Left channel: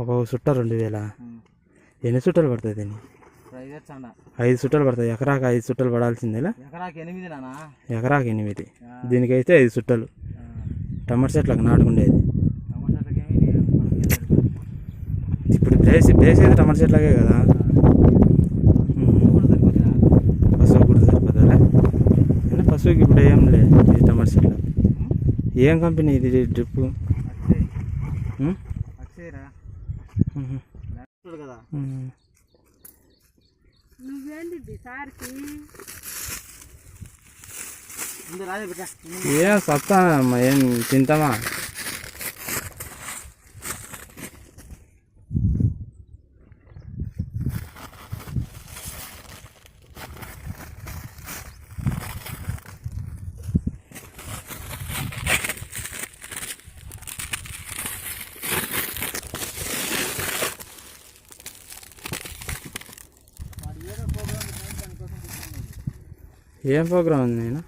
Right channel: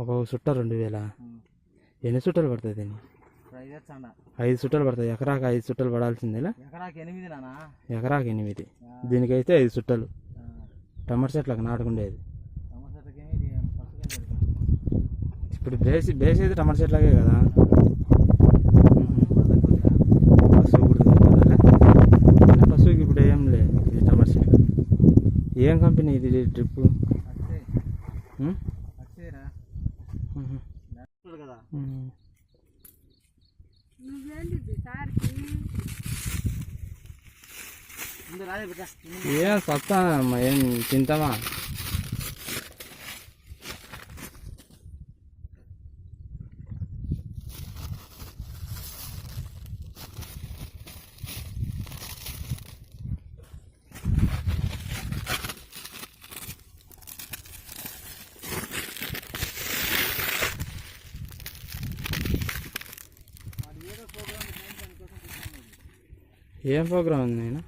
ఒక చుట్ట 2000. ఎన్ని చుట్టలు పడుతుంది దీన్ని? 5 చుట్టలు పడతాయి. ఎకరాకి 5 చుట్టలు పడాల్సిందేలా? ఎకరాకి 8. దీనికైతే 5 చుట్టలు. టమాటా చెట్లకు నాటుకుండేది. ఇప్పుడు బేసేది టమాటా చెట్లకే కదా. పశువు కూడా సరిపోతారా? కానీ పశువుకి ఇప్పుడు ఏం లేదు. ఇది టమాటా చెట్లు. ఏం కంపెనీ ఇది డ్రిప్? ఏం సత్తా ఏం తింటామా? ఏం ప్రోగ్రామ్ ఉంది నేను?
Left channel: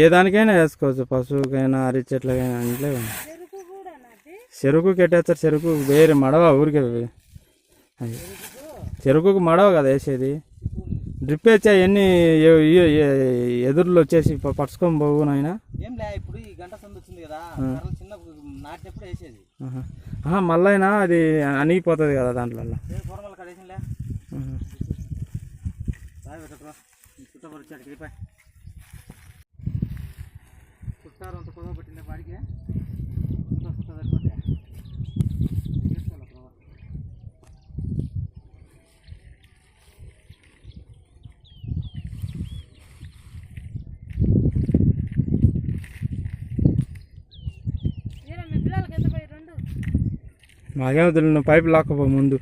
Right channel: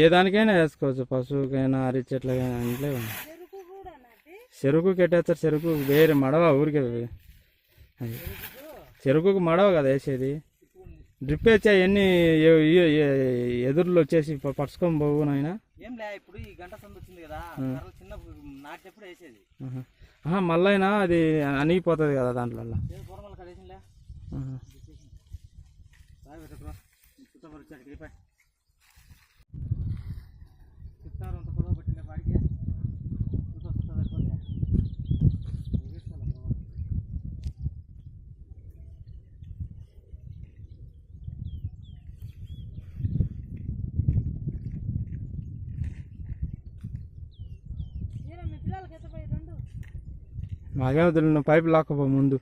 ఏ దానికైనా వేసుకోవచ్చు. పశువుకైనా అరటి చెట్లకైనా అంటే చెరుకు కెట్టేస్తారు. చెరుకు వేరే మడవ ఊరికే అది చెరుకుకు మడవ కదా వేసేది. డ్రిప్ వేసా ఎన్ని ఎదురులో వచ్చేసి పట్టుకొని పోవు నాయన. మళ్ళైనా అది అణిగిపోతుంది కదా దాంట్లో. అంత పొడవు పట్టిందే వాడికి సరిపోతే మాకేమో తెలియదు. పైపు లాక్కపో ముందు.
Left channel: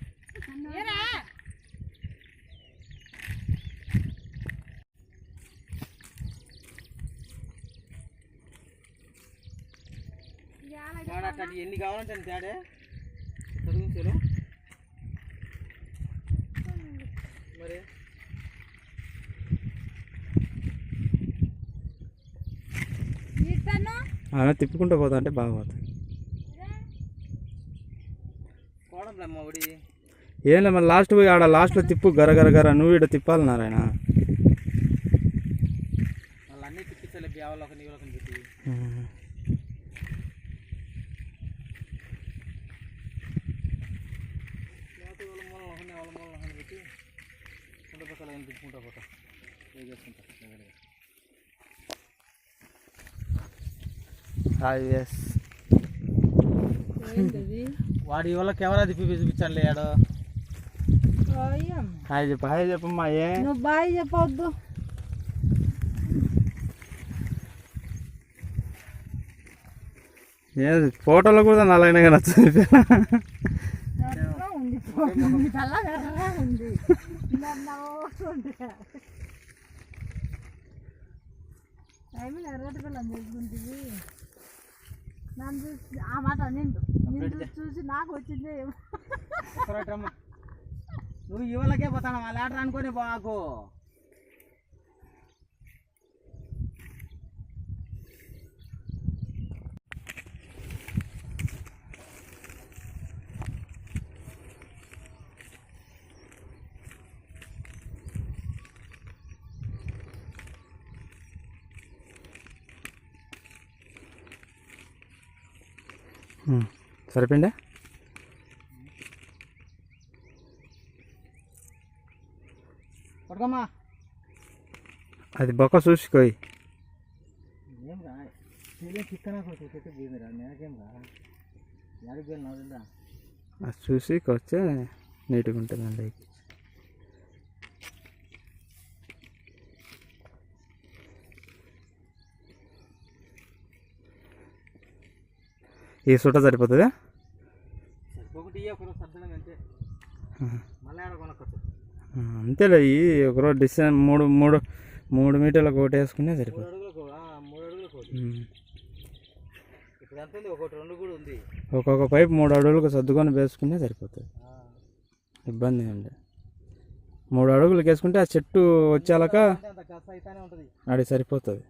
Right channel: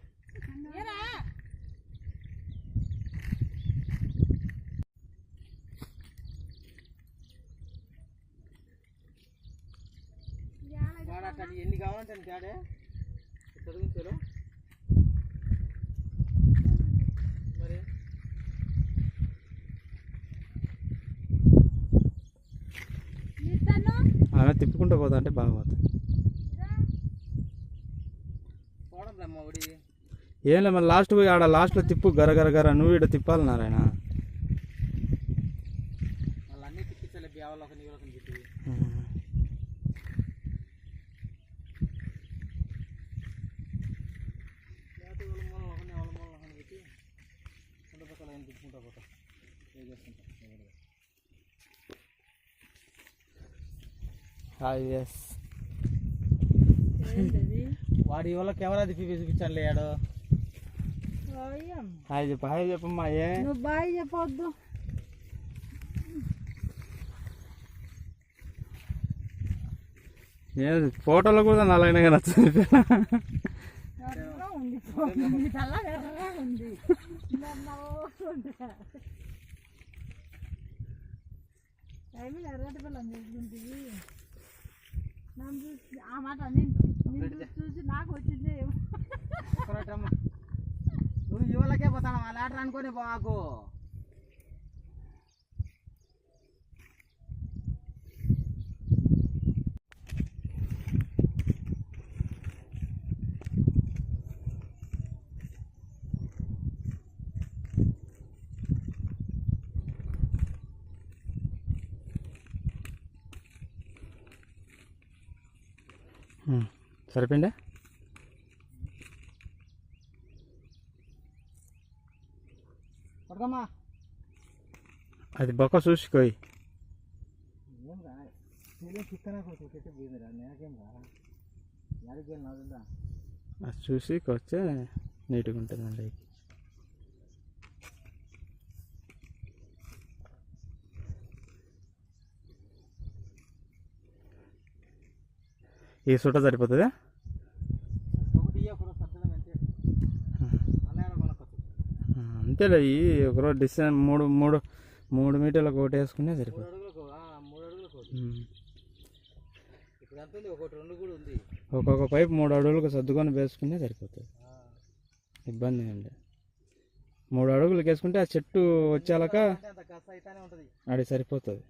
ఎన్ని కావాలంటే తేడే చదివించారు మరి. అలా తిప్పుకుంటూ పోతా అంటే బాగా పోతుంది. ఏం లేదు మరి లాస్ట్ పోయి ఆడ లాస్ట్లో తిప్పు గర నువ్వు ఇక్కడ తిప్పాలన్నారాయన. వాళ్ళన్నీ తిప్పించాలి. బ్యావలోకి నీళ్ళకి పెట్టి తిప్పుకుంటా పోతా చేసుకుంటా. వాడి వల్ల కెమెరా తిప్పి చూపించాలి. ఆడు హాయ్ చెప్పు. హాయ్ చెప్పమ్మా. బాయ్ చెప్పవద్దు. ఫోటోలో కూడా నల్లగా నచ్చింది. ఆ మాట చూసి నాకు వచ్చింది. నువ్వు ఇవాళకే పోతాను ఆ లాటర్ అనుకోని బాకు. సరిపోయిందా? పట్టుకోమ్మా. అది బొక్క చూసుకోయి. ఏం రా చిక్కన కొడుకు నాకేం రా. అది చూసి వస్తే నీట్గా ఉంటుంది అండి. ఈ సుట సరిపోతుందా? అంతేలే. ఈ ఒకరోజు డిస్టెన్స్ 3 మీటర్లకు ఒకటి వేసుకునే సరిపోతుంది. ఒక్కొక్క పైపు 3 అడుగులకు సర్దుకొని వేసుకునే సరిపోతుంది. ఇబ్బంది అండి. 3 అడుగులకు వేసుకుంటే ఆ చెట్టు వచ్చాక అది సరిపోతుంది.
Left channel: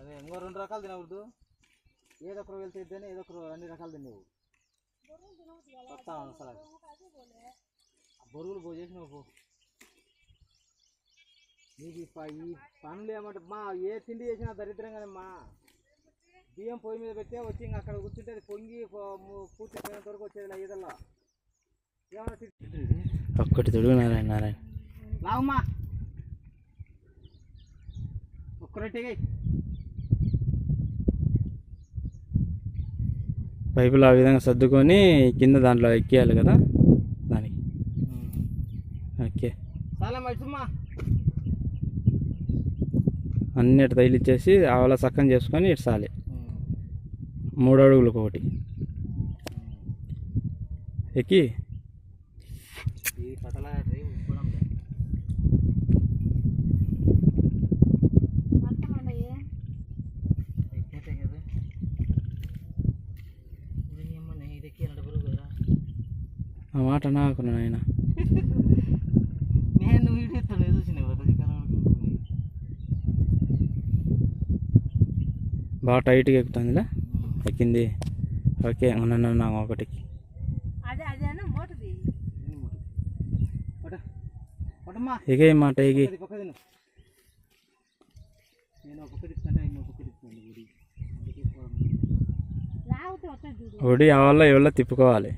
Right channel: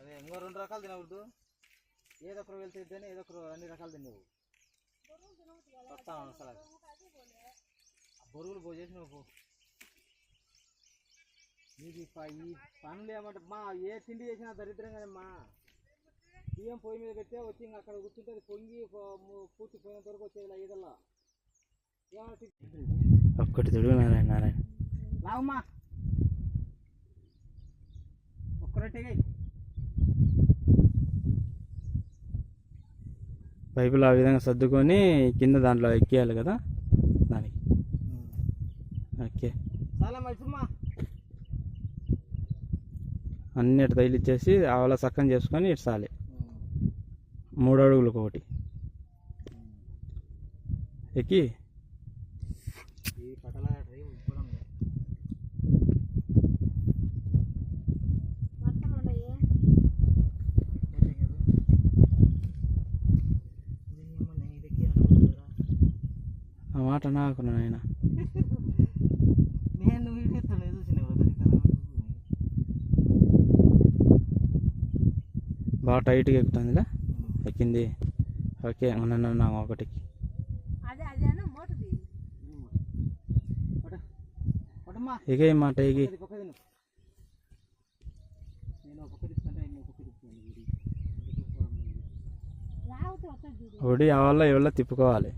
అదే ఇంకో 2 రకాలు తినకూడదు. ఏదో ఒకరు వెళ్తే ఇద్దని ఏదో ఒకరు అన్ని రకాలు తిన్నావు. బొరుగులు పో చేసి నువ్వు నీకు ఈ పనులు ఏమంటే మా ఏ తిండి చేసినా దరిద్రం కదమ్మా. బియ్యం పొయ్యి మీద పెట్టే వచ్చి ఇంకా అక్కడ కూర్చుంటే అది పొంగి పూర్తి పోయినంత వరకు వచ్చేది ఏదల్లా ఏమన్నా ఒక్కటి తొడుగు నారాయణ లావమ్మా ఒక్కరొట్టేగా పైపులు ఆ విధంగా సర్దుకొని కింద దాంట్లో ఎక్కేయాలి కదా దానికి. ఓకే, చాలా మంచిమ్మా. అన్నిటి తగిలిచ్చేసి ఆవల సక్కం చేసుకొని ఇటు సాలి 3 అడుగులకు ఒకటి ఎక్కి ఆ మాట నాకు నాయన. నేను వీడియో చూసిన బాగా టైట్గా ఎక్కుతుందిలే. ఎక్కింది. ఓకే, నన్ను ఒకటికి ఎగే మాట ఎగి ఒడి ఆవల్ల ఎవల్ల తిప్పుకోవాలి.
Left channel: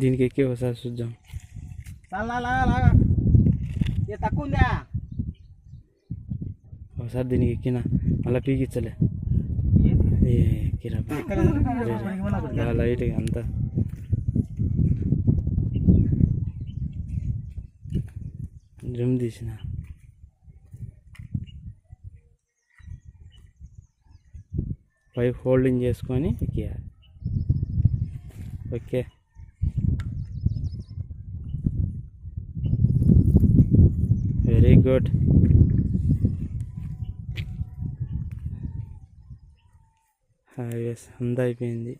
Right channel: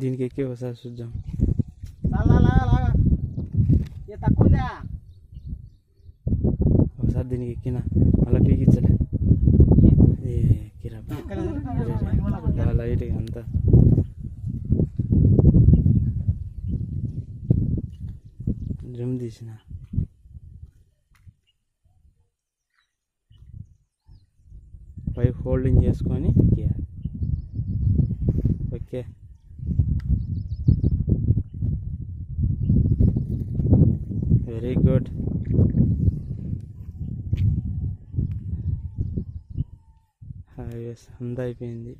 దీనికి ఎక్కి ఒకసారి చూద్దాం. తక్కువ ఒకసారి దీనికి ఎక్కిన మళ్ళీ పీకిచ్చలే ఎక్కిరా లైట్గా అంతా. డ్రమ్ తీసిన పైప్ హోల్డింగ్ చేసుకొని ఎక్కియాలి. Okay, very good. అంతా అయిపోయింది.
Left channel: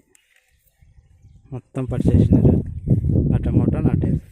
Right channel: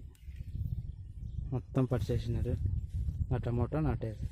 మొత్తం పడిచేసినారు. ఆ టమాటో నాటేసి